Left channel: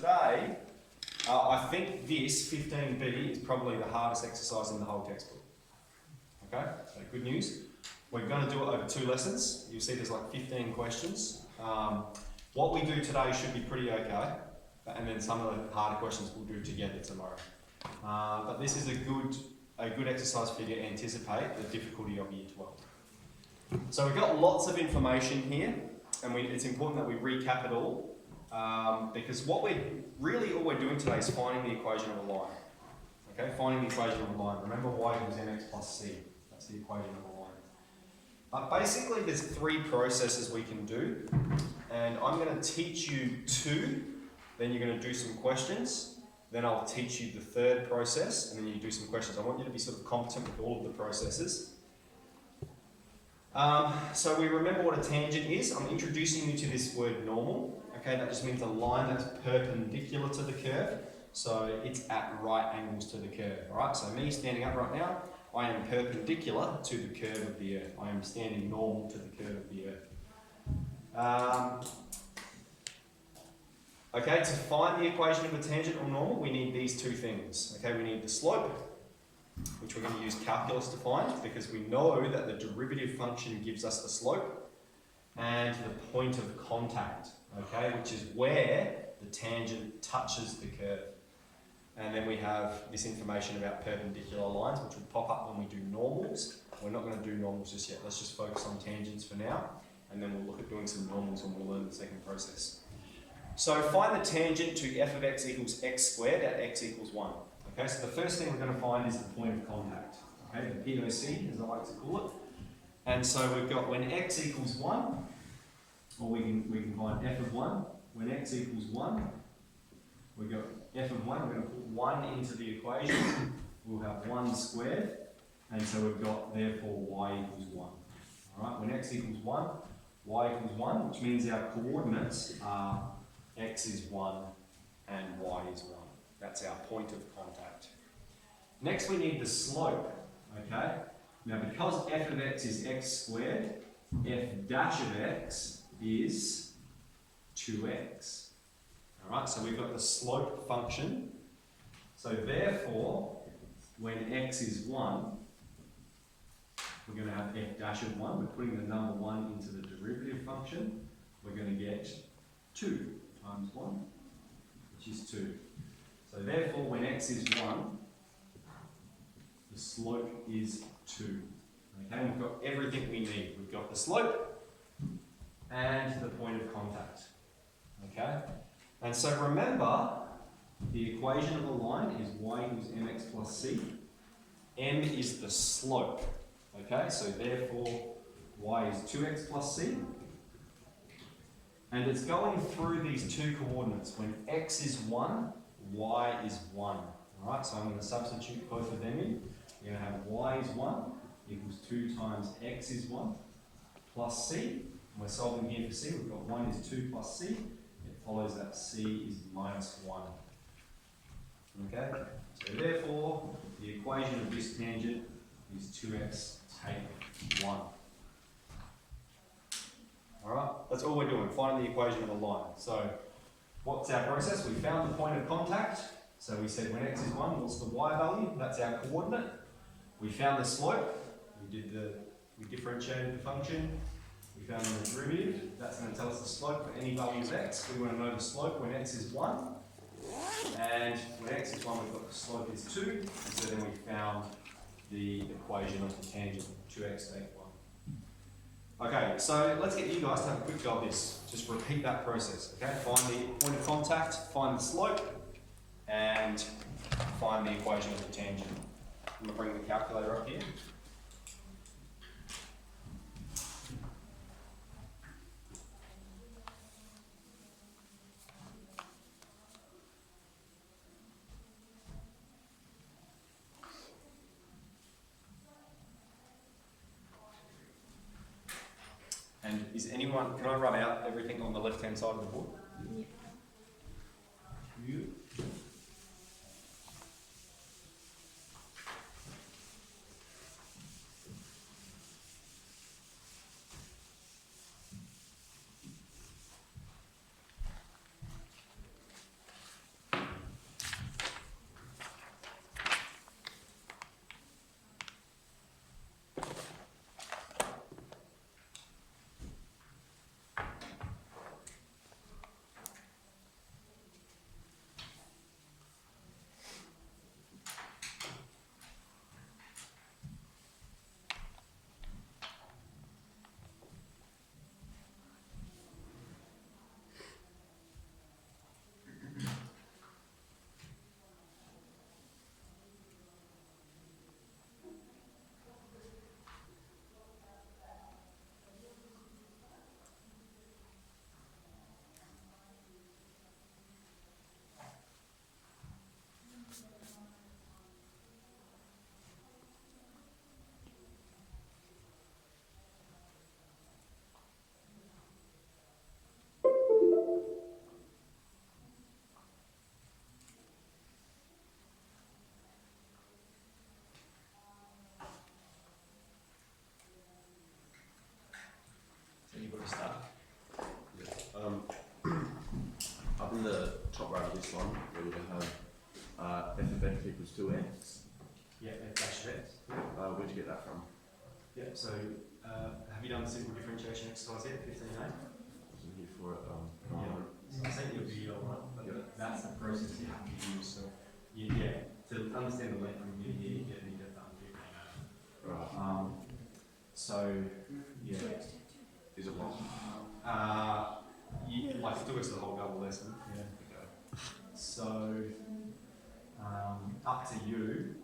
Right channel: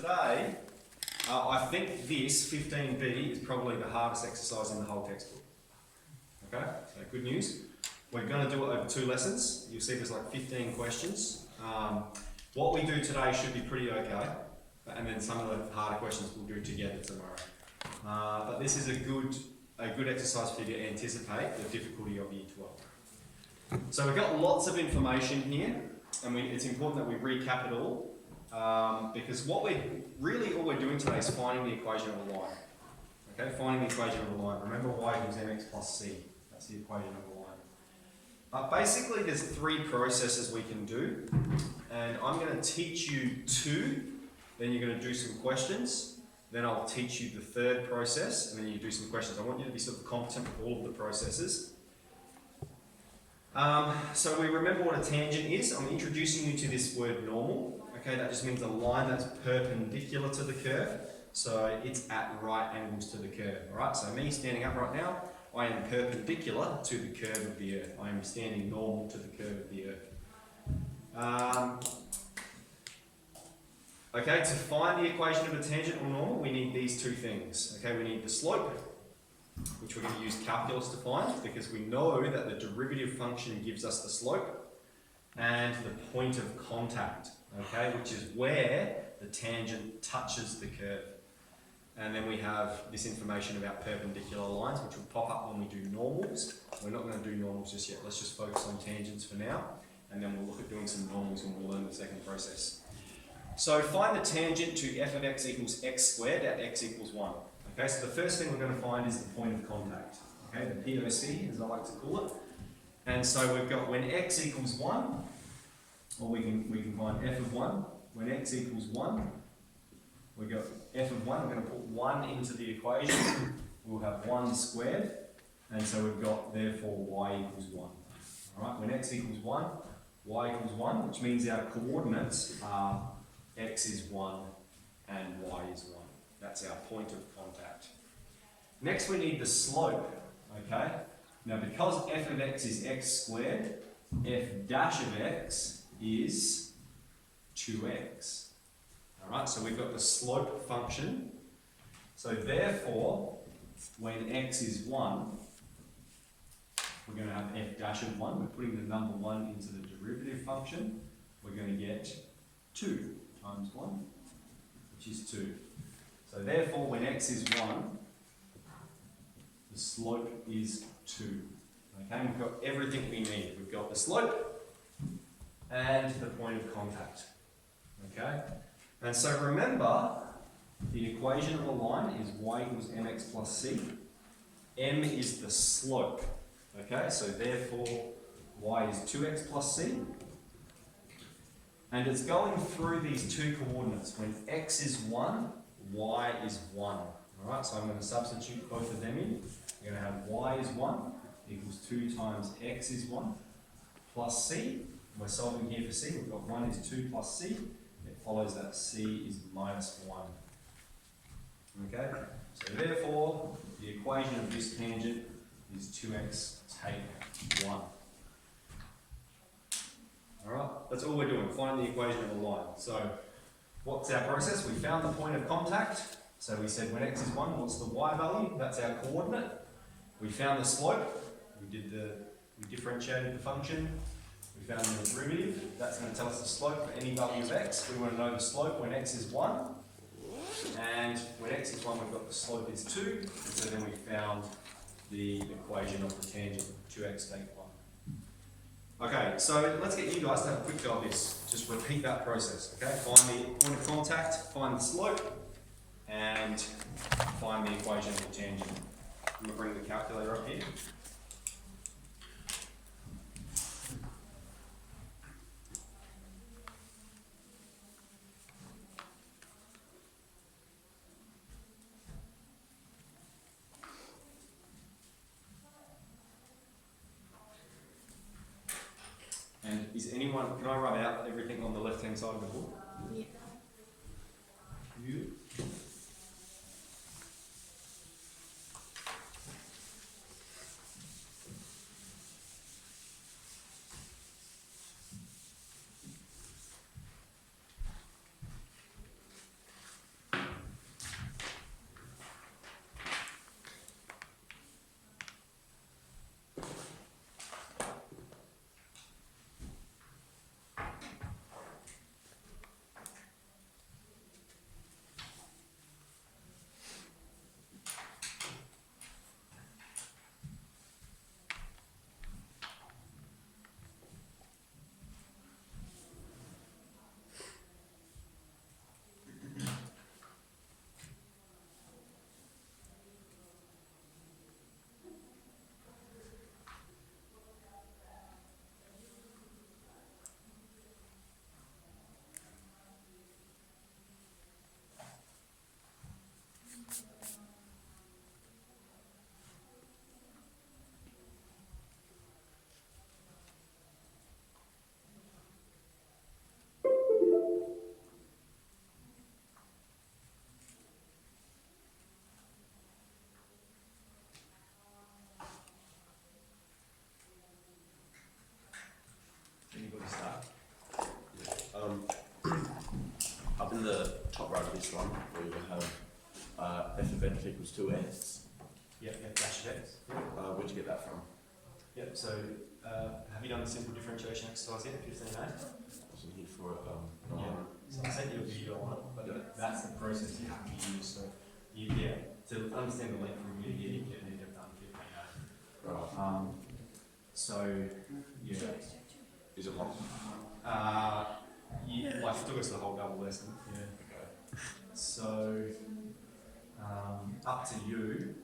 today, I think this 15b is probably the hardest exercise in the whole textbook. Okay, so good news. We're going to do it over 2 lessons. You'll see there's like 15 questions. What we do today should be pretty okay, and then some of the harder questions we'll do together tomorrow. But this is a good exercise for you to anticipate the difficulty of Year 12. So we've got lots of information here, and it's important that we recap it all, because all we're doing today is finding the equation of a line. Okay, finding the equation of a line. Remember y equals mx plus c. That's the equation of a line. Basically, there's 3 processes we can do, and I'm going to teach you 2, then you're going to do some questions, then I'll teach you the 3rd process, and then you do some questions. I want you to be sort of competent with all of the processes. So we remember what a tangent is. I'm introducing you to this word normal. Okay, that just means a line that's perpendicular to the curve, so it's at right angles to the curve. Alright, so me standing up right now, I am perpendicular to the curve of the earth. I am standing normal to the curve of the earth. Okay, to find the equation of a tangent or normal, we need these 2 things. Okay, we need the slope, which we're going to use calculus to find, because we know that the derivative function gives us the slope, and the point of contact, okay, which is where the tangent touches the curve. And then we have this information about perpendicular lines, which will pop up when we do normals. We're not going to do normals just yet. Let's just focus on tangents for now, and then we'll look at doing some normals and we'll learn the 2nd process. So find the tangent to f of x equals x squared at x equals 1. Okay, so the first thing we're going to find is the point of contact. Okay, the POC, as I like to call it. And so we've got when x equals 1, or we can find f of 1. When x equals 1, we've got f of 1, we're going to put 1 into the equation. We'll have 1 squared, and so we've got, therefore, y equals 1. Alright, when x equals 1, y equals 1, which means our coordinates are x is 1 and y is 1. That's our point of contact. Next we need the slope, okay? Now because f of x is x squared, f dash of x is 2x. Alright, so we've got the slope function. So therefore, when x is 1, we're going to have f dash of 1. We're putting the number 1 into the derivative function. We're going to get 2 times 1, which is 2. So therefore, when x is 1, the slope is 2. Okay, and we've got everything we need. We've got the slope and the point of contact. Okay, and so remember, the equation of a line is y equals mx plus c. M is the slope. Okay, so therefore, y is 2x plus c. And it's going through these 2 coordinates. When x is 1, y is 1. Alright, so I'm going to substitute both of them in. We're going to have y is 1 equals 2 times x is 1 plus c. We're solving here for c. We've got 1 is 2 plus c. It follows that c is minus 1. Okay, so therefore, the equation of this tangent is 2x take 1. Alright, that's all we're doing, finding the equation of a line. So, what's our process? We found the point of contact. So we said when x is 1, what's the y value? That's our coordinate. We found the slope. We differentiated the function. We found the derivative. That's going to tell us the slope for any value of x. We want to know the slope when x is 1. And when x is 1, we've got the slope is 2. And so then we found the equation of the tangent, 2x take 1. Okay, so let's get you guys to have a quick go at this. Just repeat that process, okay? Find the point of contact, find the slope, and find the equation of the tangent. I'm going to bring the calculator up here. And is anyone, can I write out everything on the left-hand side of the book? Yeah. You. in the top right of this one, we have f of x equals 2x. Yeah, f dash of x. Where'd you get that from? Yep, so have you done the simple differentiation exercise yet, 15a? Wasn't here for it. Yeah. So I sent you a video on it, but that's the process you have to use. So, to understand the length from here to here, you need to have done 15a. Right. So, yeah. Is it long? Like it took us the whole double lesson. Yeah. Okay. So, up to you.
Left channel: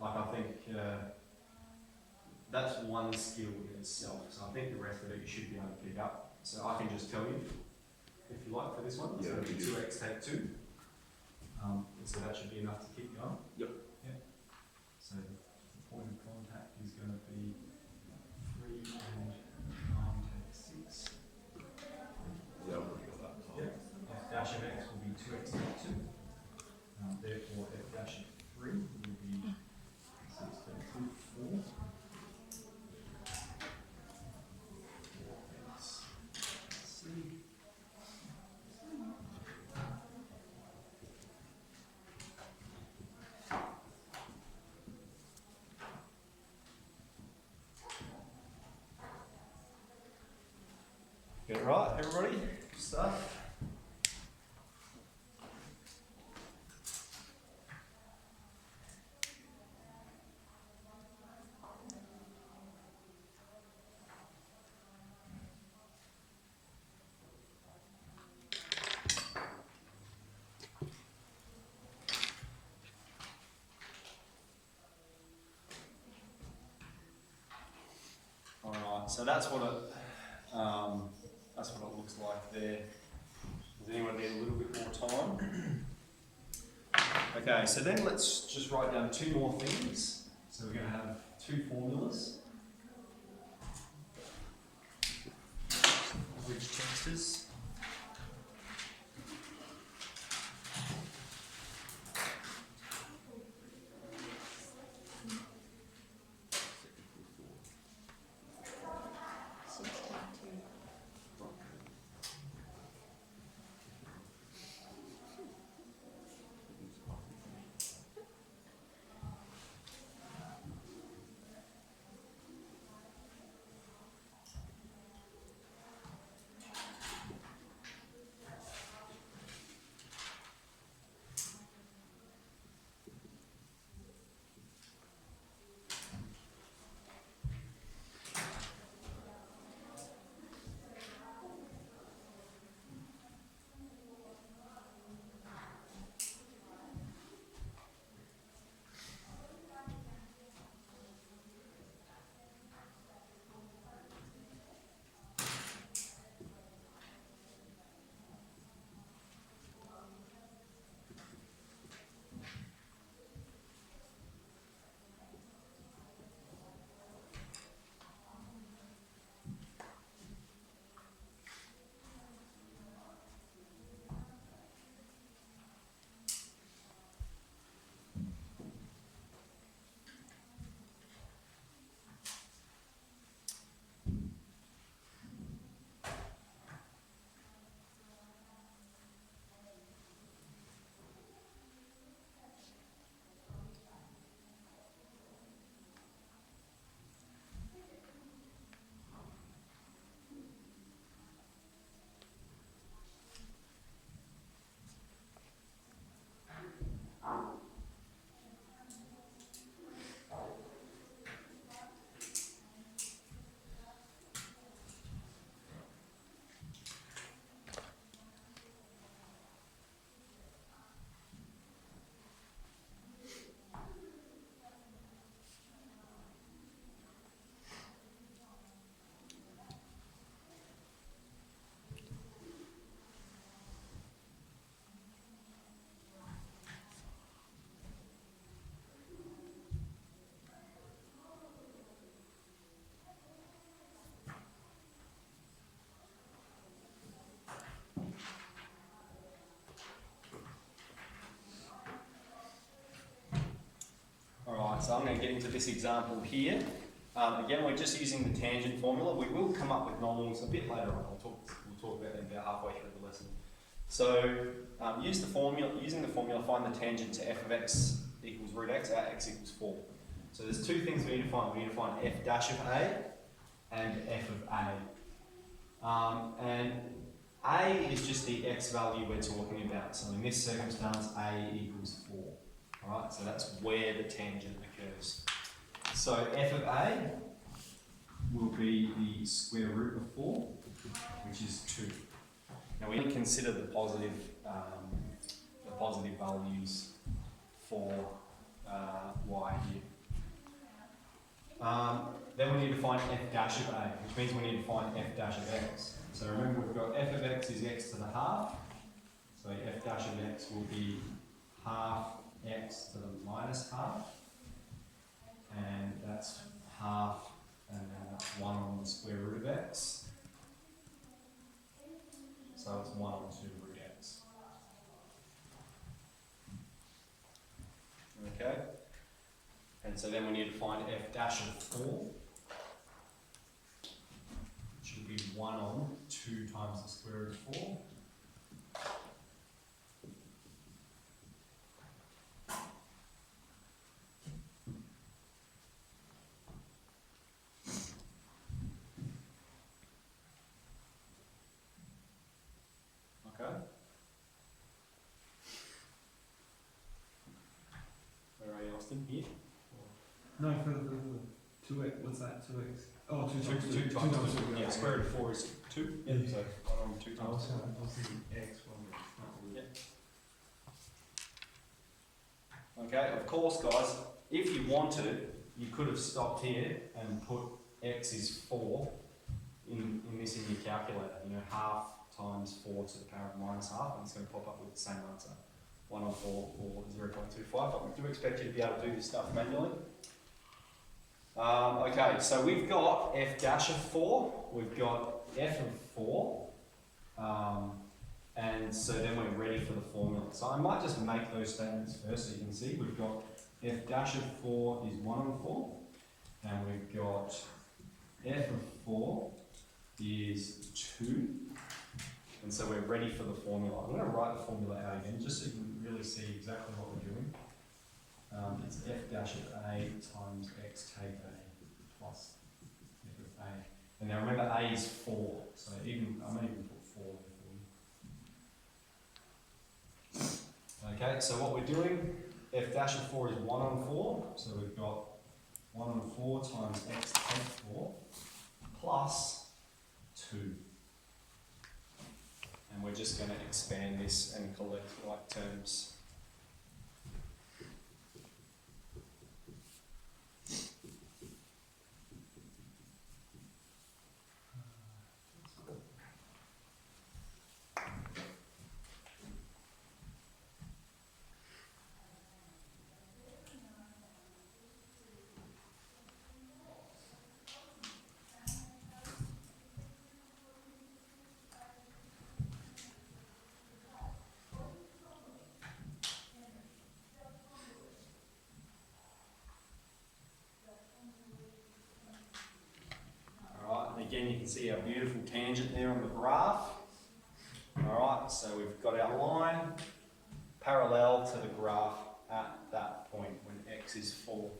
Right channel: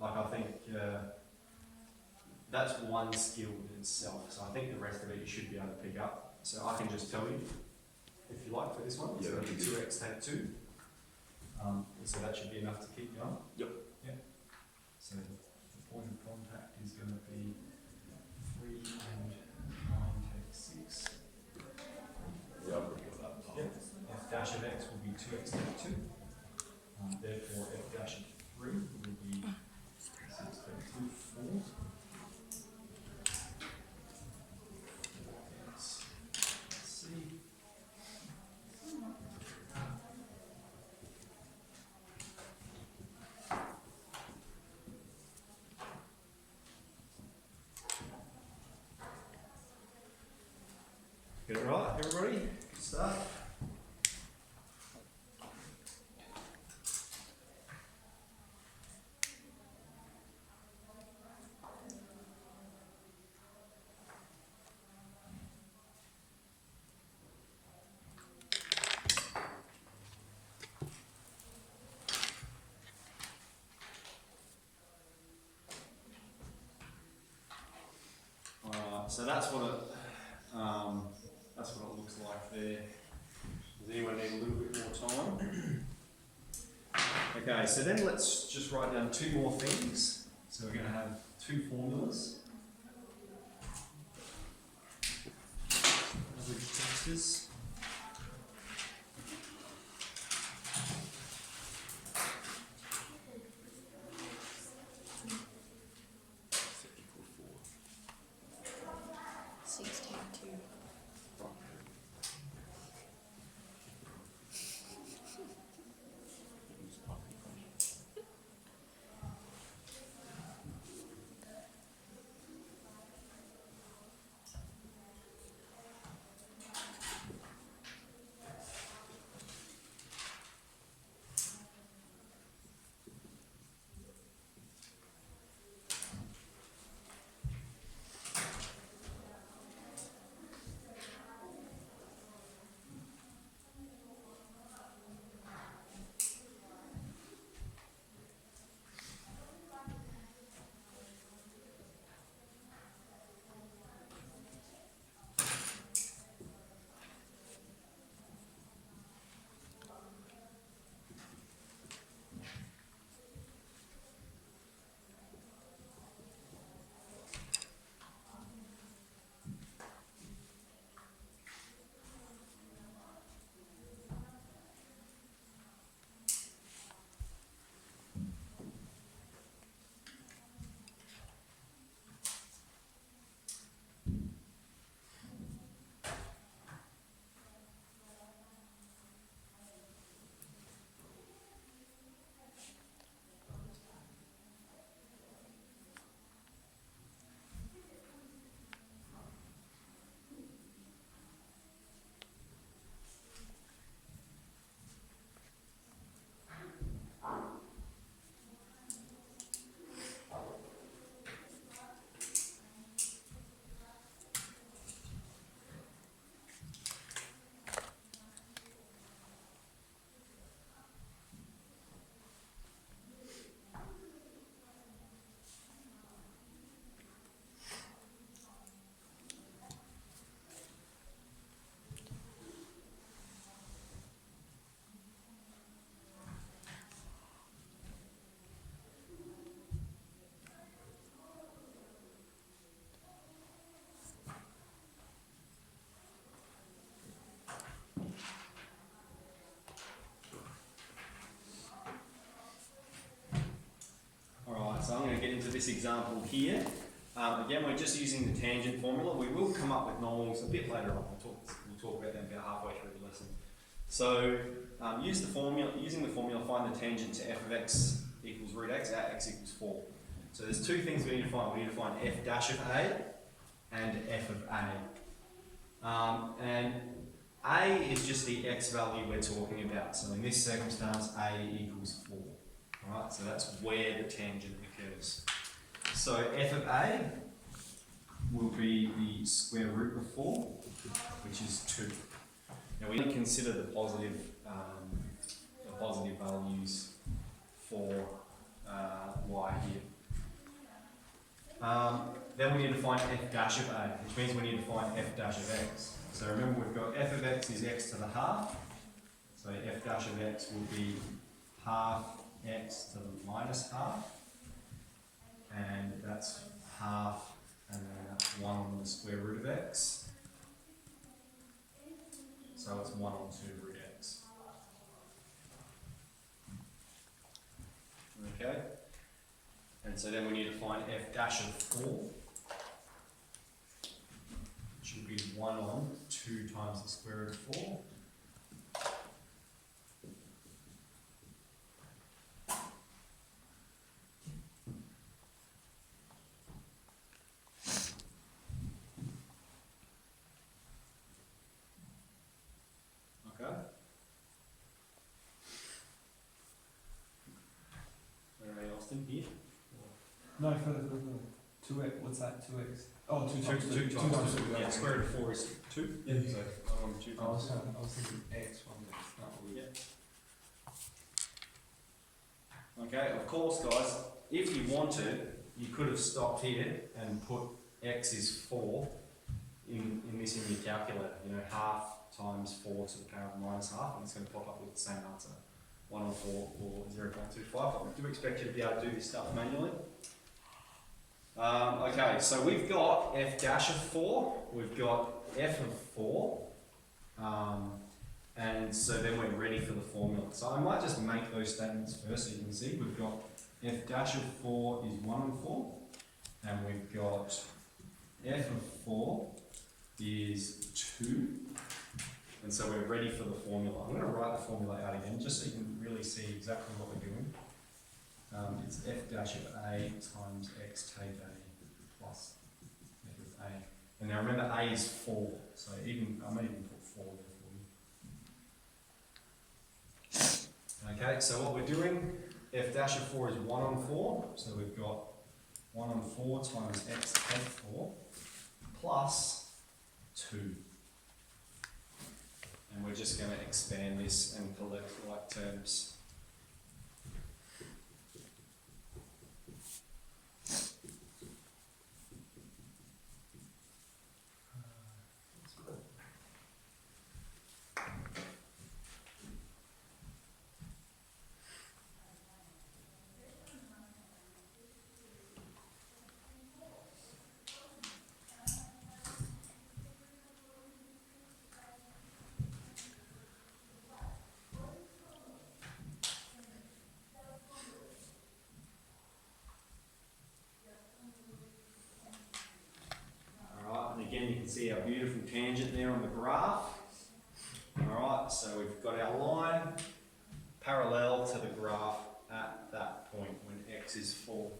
Like I think that's one skill in itself. So I think the rest of it you should be able to pick up. So I can just tell you, if you like, for this one. It's going to be 2x take 2. So that should be enough to keep going. Yep. Yep. So the point of contact is going to be 3 and 9 take 6. Yeah, I'll bring it up. Yep. F dash of x will be 2x take 2. Therefore, f dash of 3 will be 6 take 2, 4. Let's see. Get it right, everybody? Start. Alright, so that's what it looks like there. Does anyone need a little bit more time? Okay, so then let's just write down 2 more things. So we're going to have 2 formulas. Average tensors. So I'm going to get into this example here. Again, we're just using the tangent formula. We will come up with normals a bit later on. We'll talk about them about halfway through the lesson. So using the formula, find the tangent to f of x equals root x at x equals 4. So there's two things we need to find. We need to find f dash of a and f of a. And a is just the x value we're talking about. So in this circumstance, a equals 4. Alright, so that's where the tangent occurs. So f of a will be the square root of 4, which is 2. Now we need to consider the positive values for y here. Then we need to find f dash of a, which means we need to find f dash of x. So remember, we've got f of x is x to the half. So f dash of x will be half x to the minus half. And that's half and then 1 on the square root of x. So it's 1 on 2 root x. Okay? And so then we need to find f dash of 4, which will be 1 on 2 times the square root of 4. Okay? Where are you, Austin? Here? No, for the 2x, what's that, 2x? Oh, 2 times 2. 2 times 2. Yeah, square root of 4 is 2. Yeah. So 1 on 2 I times 2. was thinking x, Yeah. Okay, of course, guys, if you wanted, you could have stopped here and put x is 4 in this in your calculator. You know, half times 4 to the power of minus half, and it's going to pop up with the same answer. 1 on 4 or 0.25, but we do expect you to be able to do this stuff manually. Okay, so we've got f dash of 4, we've got f of 4, and so then we're ready for the formula. So I might just make those statements first so you can see. We've got f dash of 4 is 1 on 4, and we've got f of 4 is 2, and so we're ready for the formula. I'm going to write the formula out again just so you can really see exactly what we're doing. It's f dash of a times x take a plus f of a. And now remember, a is 4, so I may even put 4 there for you. Okay, so what we're doing, f dash of 4 is 1 on 4, so we've got 1 on 4 times x take 4 plus 2. And we're just going to expand this and collect like terms. Again, you can see our beautiful tangent there on the graph. Alright, so we've got our line parallel to the graph at that point when x is 4.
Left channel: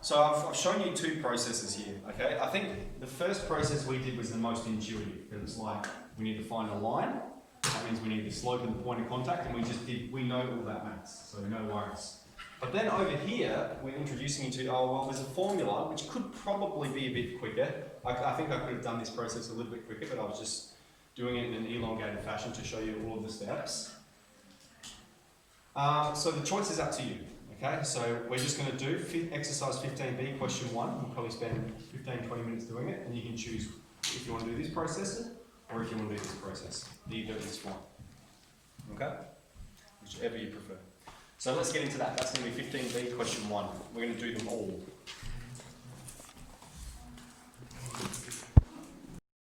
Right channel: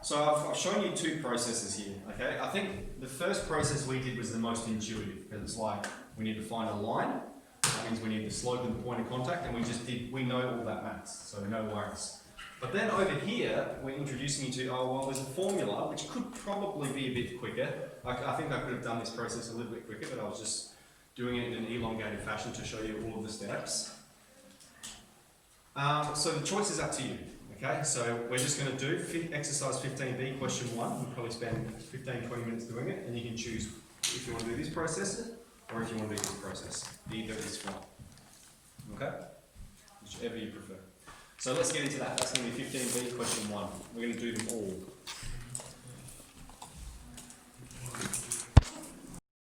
So I've shown you two processes here, okay? I think the first process we did was the most intuitive, because it's like we need to find a line. That means we need the slope and the point of contact, and we know all that maths, so no worries. But then over here, we're introducing you to, oh, well, there's a formula, which could probably be a bit quicker. I think I could have done this process a little bit quicker, but I was just doing it in an elongated fashion to show you all of the steps. So the choice is up to you, okay? So we're just going to do exercise 15b, question 1. We'll probably spend 15-20 minutes doing it, and you can choose if you want to do this process or if you want to do this process. Either is fine, okay? Whichever you prefer. So let's get into that. That's going to be 15b, question 1. We're going to do them all.